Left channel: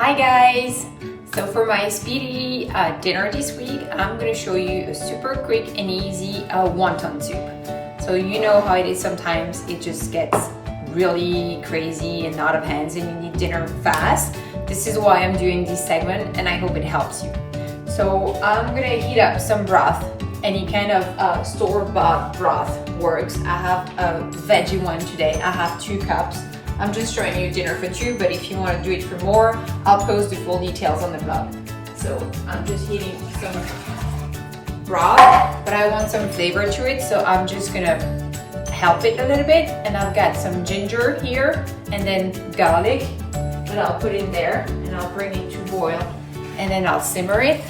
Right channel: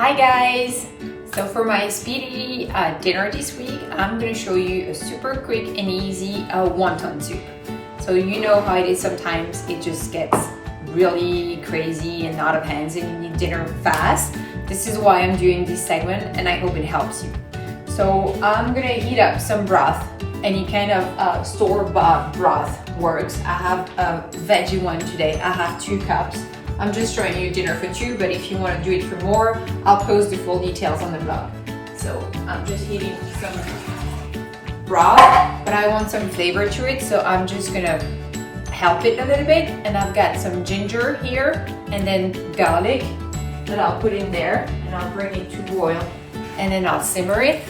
Hi guys! So for my speedy dinner this week, I'm going to show you a super quick and easy wonton soup. So you know how it is sometimes, it just gets really crazy and out of hands and you need dinner fast. This is why I'm doing this segment and I hope it helps you. So I'm going to heat up some broth. Any kind of store-bought broth works. I have a veggie one today. I have 2 cups. I'm just showing you dinner for 2, but if you want to do it for more, I'll post the full details on the blog. So I'm just heating some broth, but I want some flavor to it, so I'm just gonna help it a little bit. And I've got some ginger here, and then garlic that I'll put in there, and I'll bring it to boil, and then I'll simmer it.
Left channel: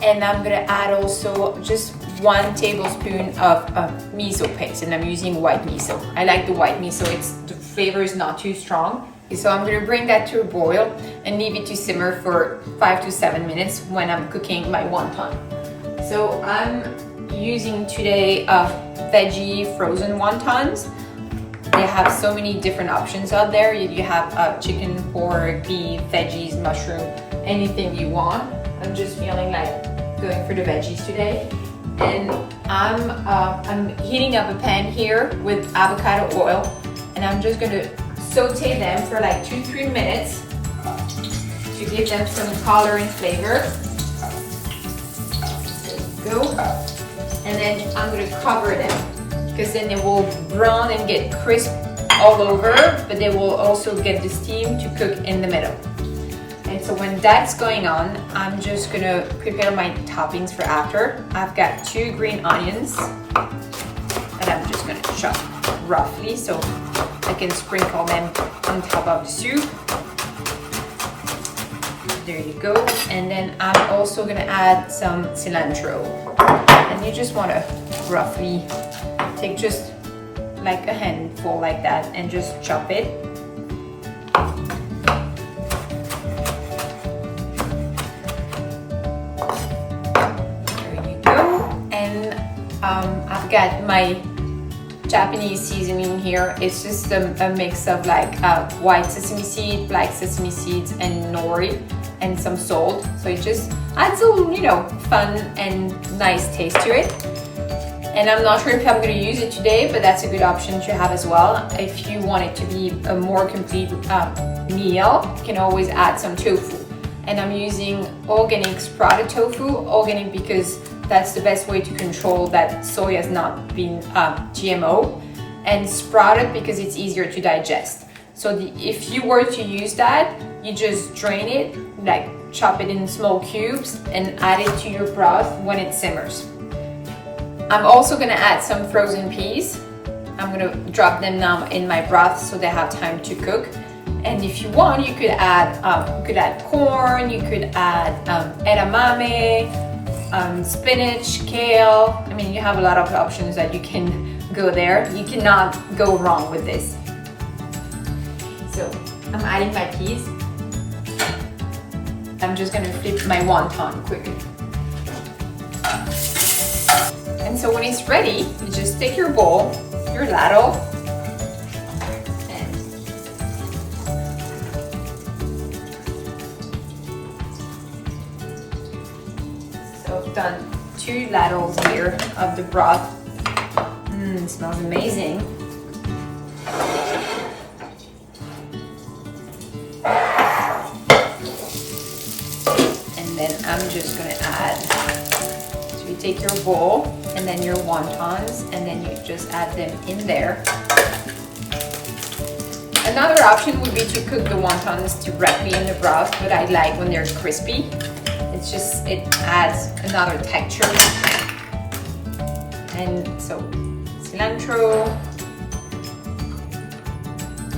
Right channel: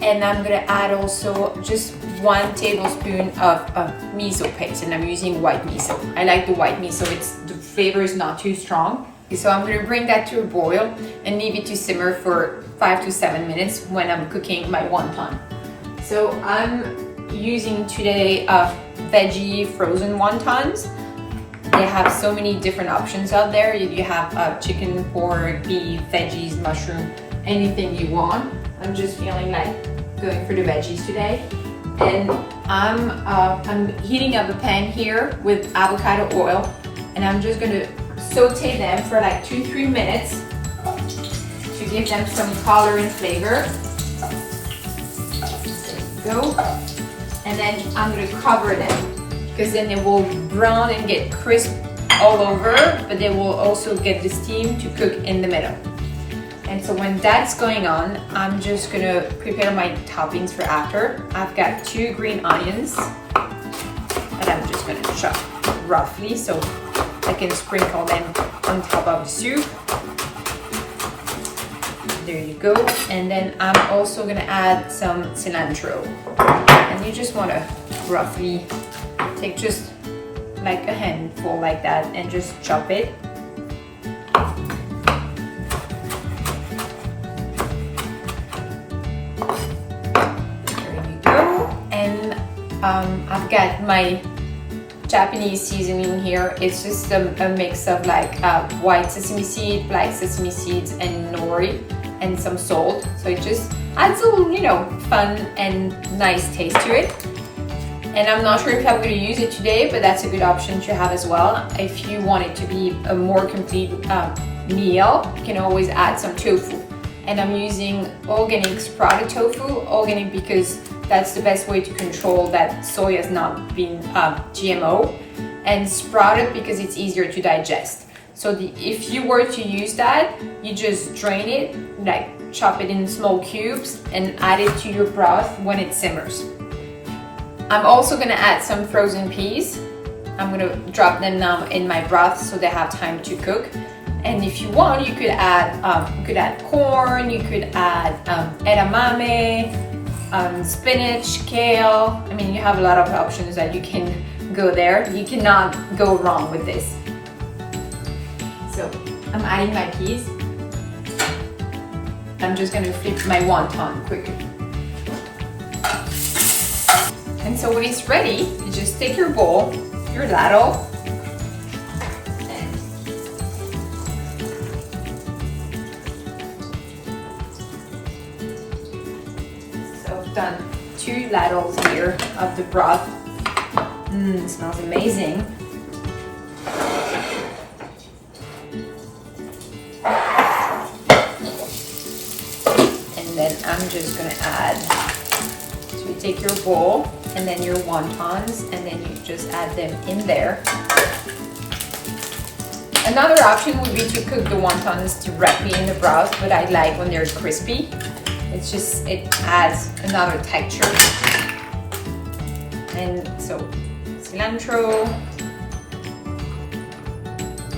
And I'm gonna add also just 1 tablespoon of miso paste, and I'm using white miso. I like the white miso, the flavor is not too strong. So I'm gonna bring that to a boil and leave it to simmer for 5 to 7 minutes when I'm cooking my wonton. So I'm using today veggie frozen wontons. They have so many different options out there. You have chicken, pork, beef, veggies, mushroom, anything you want. I'm just feeling like going for the veggies today. And I'm heating up a pan here with avocado oil, and I'm just gonna saute them for like 2-3 minutes to give them some color and flavor. There you go. And then I'm gonna cover them because then they will brown and get crisp all over, but they will also get the steam to cook in the middle. And so when that's going on, I'm just gonna prepare my toppings for after. I've got 2 green onions that I'm just gonna chop roughly so I can sprinkle them on top of the soup. There you go. And then I'm also gonna add some cilantro. And you just wanna roughly take just like a handful like that and just chop it. I've got my Japanese seasoning here. It's just a mix of like white sesame seed, black sesame seeds, and nori, and some salt. So it just adds a little, fun and nice taste to it. And I'm not sure if I'm going to use it today, but that's a good option to have as well. If you want it to be a more complete meal, you can always add some tofu. And I'm using organic sprouted tofu, organic because that's the best way to control that soy has not been GMO, and sprouted because it's easier to digest. So if you were to use that, you just drain it, like chop it in small cubes and add it to your broth when it simmers. I'm also gonna add some frozen peas. I'm gonna drop them now in my broth so they have time to cook. And if you want, you could add corn, you could add edamame, spinach, kale. I mean, you have a lot of options that you can go there. You cannot go wrong with this. So I'm adding my peas. I'm just gonna flip my wonton quickly. And so when it's ready, you just take your bowl, your ladle, done 2 ladles here of the broth. It smells amazing. And then I'm just gonna add, so you take your bowl and then your wontons and then you just add them in there. Another option would be to cook the wontons directly in the broth, but I like when they're crispy. It adds another texture. And so cilantro,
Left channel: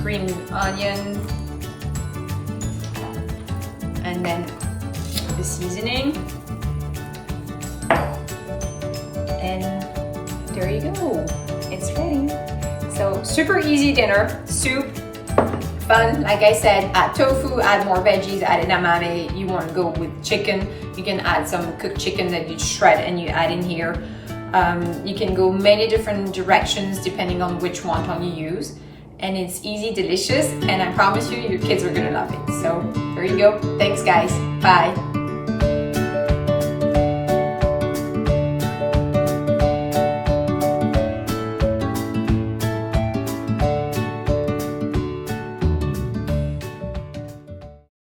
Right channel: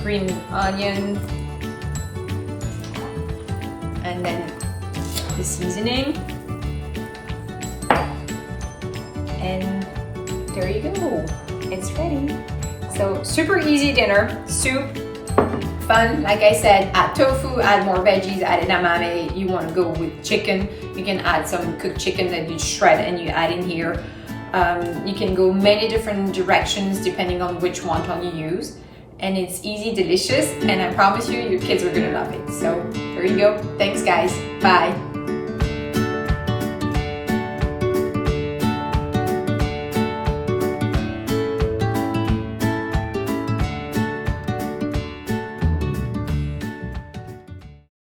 green onion, and then the seasoning. And there you go, it's ready. So super easy dinner, soup, fun. Like I said, add tofu, add more veggies, add edamame. You want to go with chicken, you can add some cooked chicken that you shred and you add in here. You can go many different directions depending on which wonton you use. and it's easy, delicious, and I promise you, your kids are gonna love it. So there you go. Thanks, guys. Bye.